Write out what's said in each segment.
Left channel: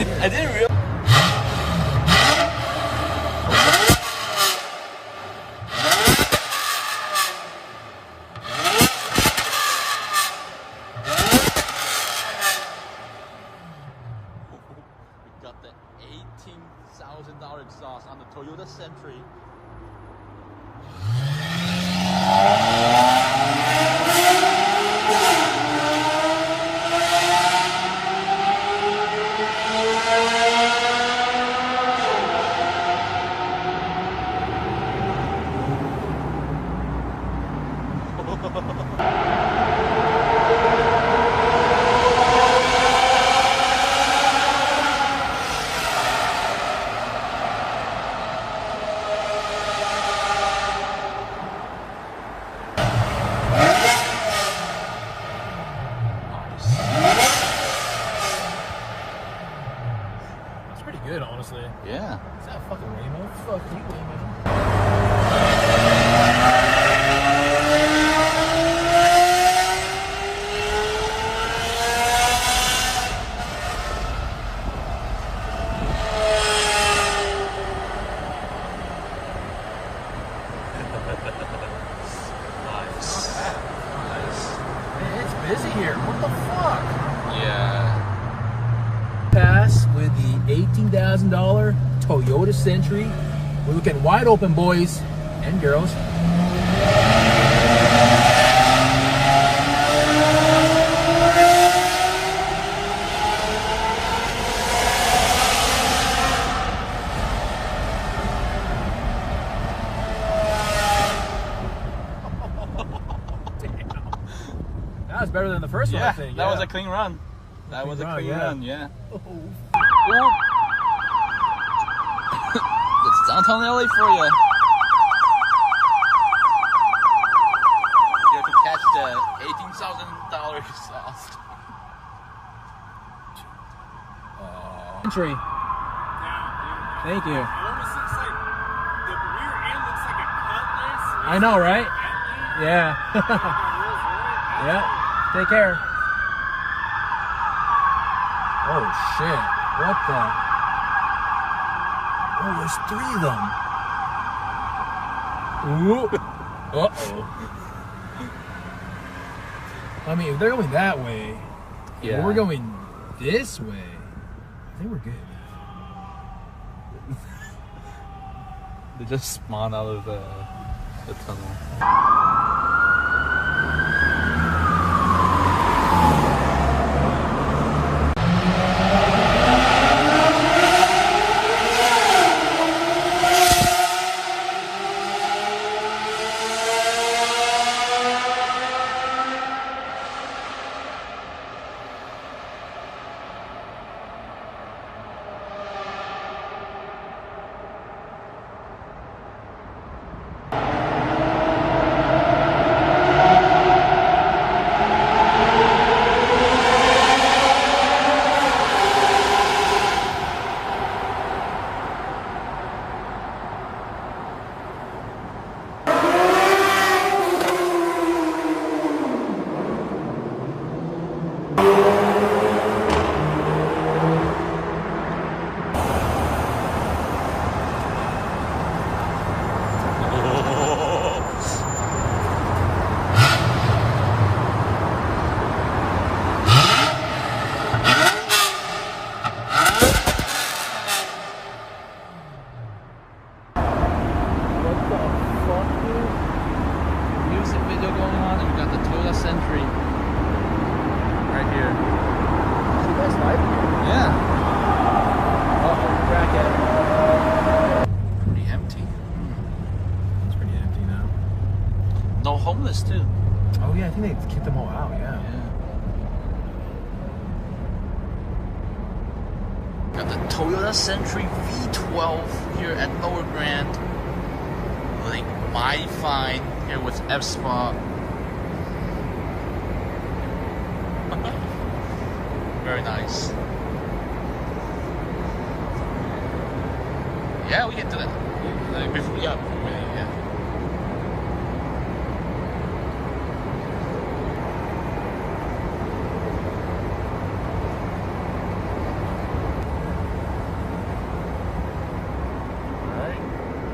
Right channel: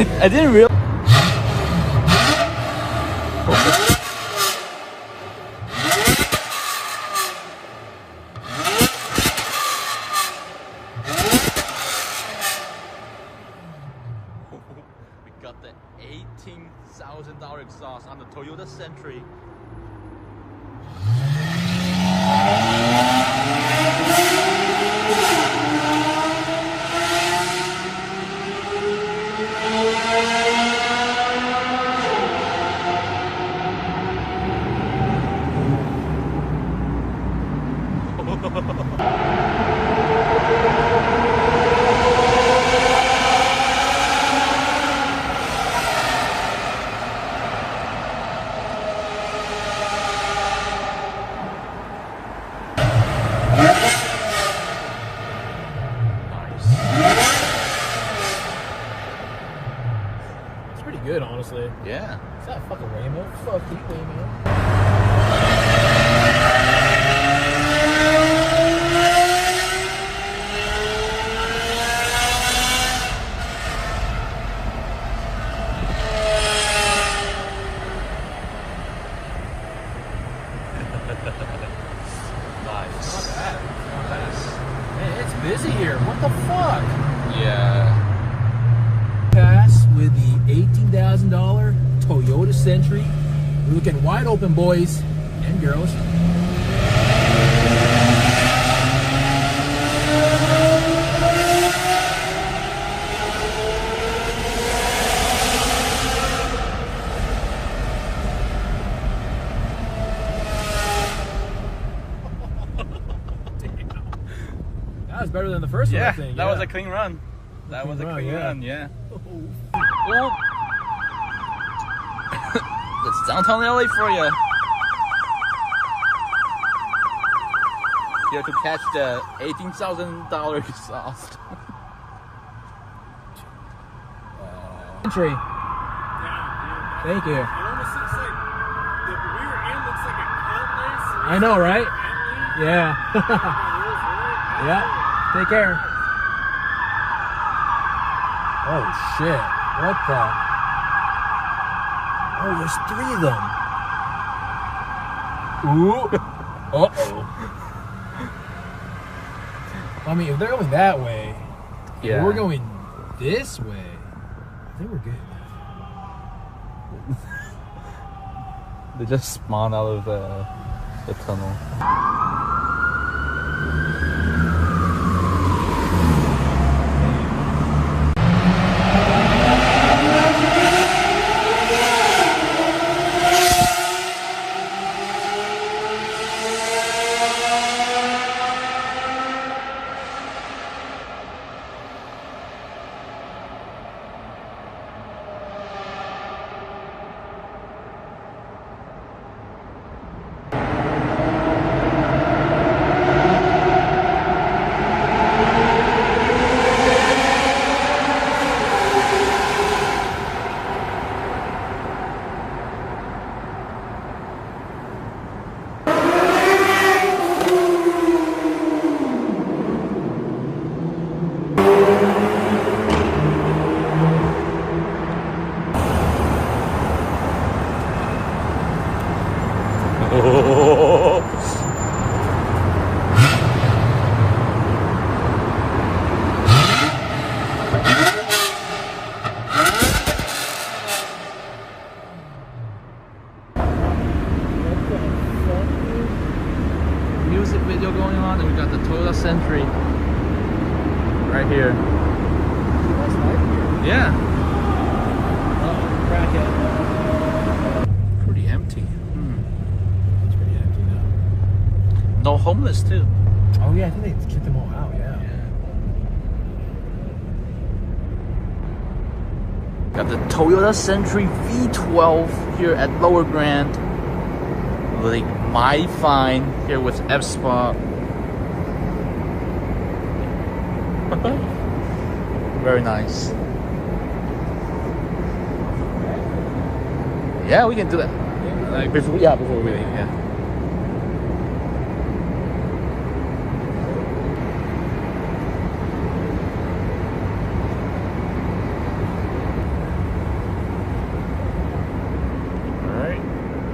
I didn't realize. We got the $18,000 exhaust on the Toyota Century. Good, honestly. Yeah. Is that fucking Waymo? Fuck you, Waymo. Nice. Nice. Man, it's busy here. What the fuck? Yeah. Pass with the $18,000 Toyota Century. We're looking wide open, boys and girls. Damn. That was better than the first one, I think. That was a clean run. That was a clean run, yeah. Oh. That's downtown LA for you. You have to catch the $18,000 exhaust. Entry. Thank you. It almost looks like the rear end looks like a cutlass. I know, right? Yeah. Yeah. Take care. Oh shit. What the? Oh, there's 3 of them. Ooh. Uh-oh. I mean, if they're going that way, Yeah. we're going this way, I think we're good. They just spawned out of the tunnel. Music video going on, and we got the Toyota Century right here. Yeah. Pretty empty. It's pretty empty now. No homeless too. Oh yeah, I think they kicked them all out, yeah. Got the Toyota Century V12 here at Lower Grand. Like my fine here with F-Spot. Very nice. Yeah, we can do that. Before we leave, yeah.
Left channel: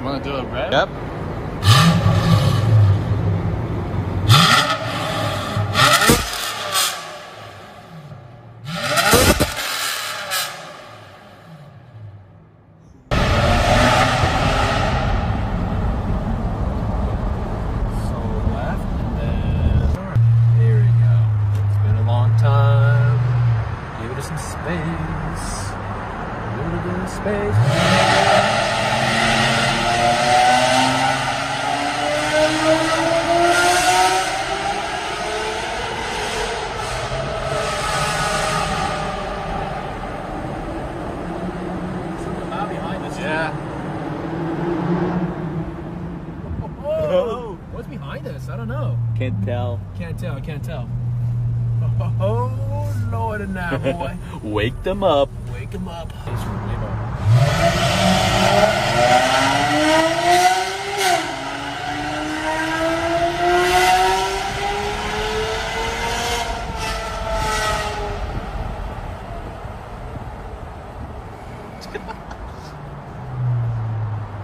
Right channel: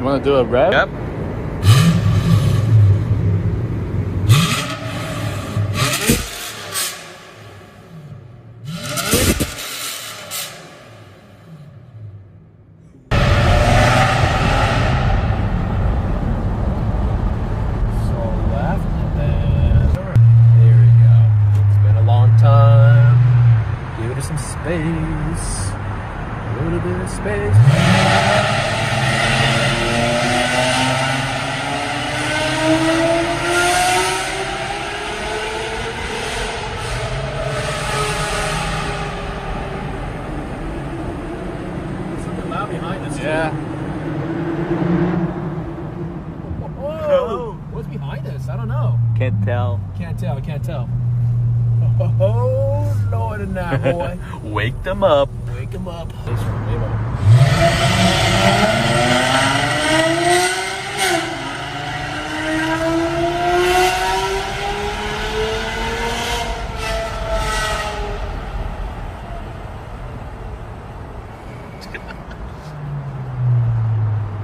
wanna do a rev? Yep. Space, a little bit of space. Something loud behind us. Yeah. Oh, what's behind us? I don't know. Can't tell. Can't tell. Can't tell. Oh, Lord and now, boy. Wake them up. Wake them up. Thanks for the label.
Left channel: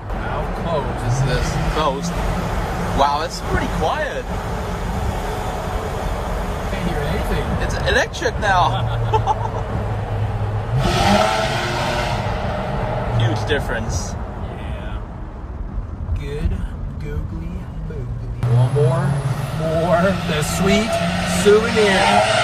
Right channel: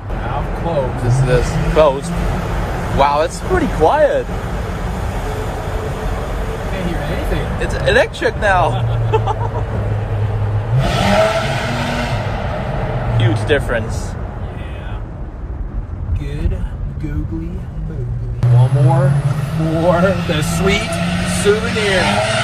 Mouth closed. Is this closed? Wow, it's pretty quiet. Can't hear anything. It's electric now. Huge difference. Yeah. Good googly boogly. One more for the sweet souvenir.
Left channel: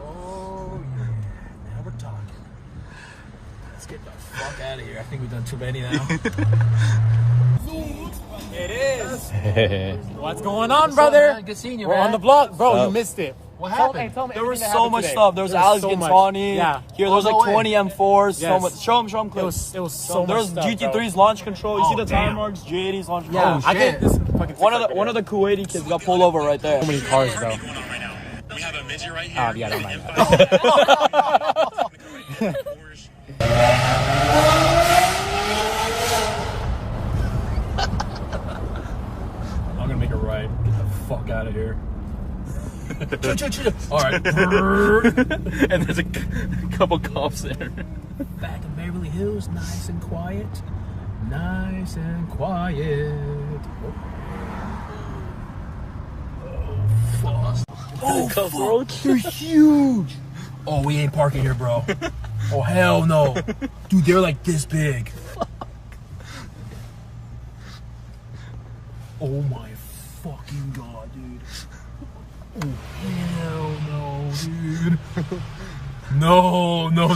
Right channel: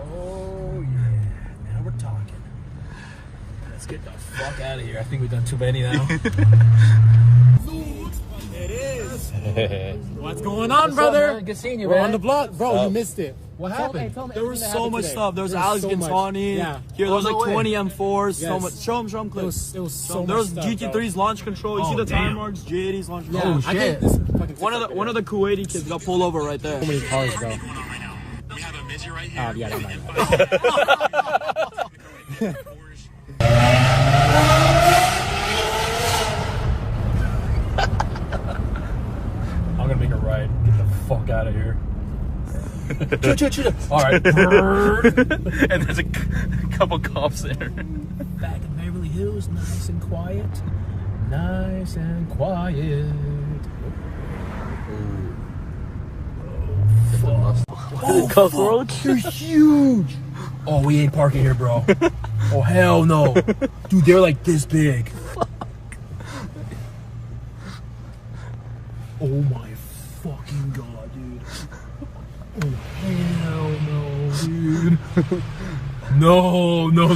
Oh yeah, now we're talking. Let's get the fuck out of here. I think we've done too many now. It is. What's going on, brother? Good seeing you, We're man. on the block, bro. You missed it. What happened? There was so much stuff. There was Alex so much. Gantani. Yeah. Here, there was like 20 M4s. So Yes. much. Show them clips. It was so There much was stuff, GT3's launch control. You see the tire marks? J80's launch control. Yeah, Oh, I shit. think One of the Kuwaiti kids got pulled over right there. so many cars, bro. We have a midget right here. Yeah, never mind. I'm gonna make a right. Get the fuck out of here. All right. And there's a couple cops there. Back in Beverly Hills, nice and quiet. Nice and quiet. Oh, fuck. Oh, fuck. They're huge. Oh, we ain't parking here, bro. Oh, hell no. Dude, they're like this big. Oh my fucking god, dude. Oh, hell no, dude. No. No.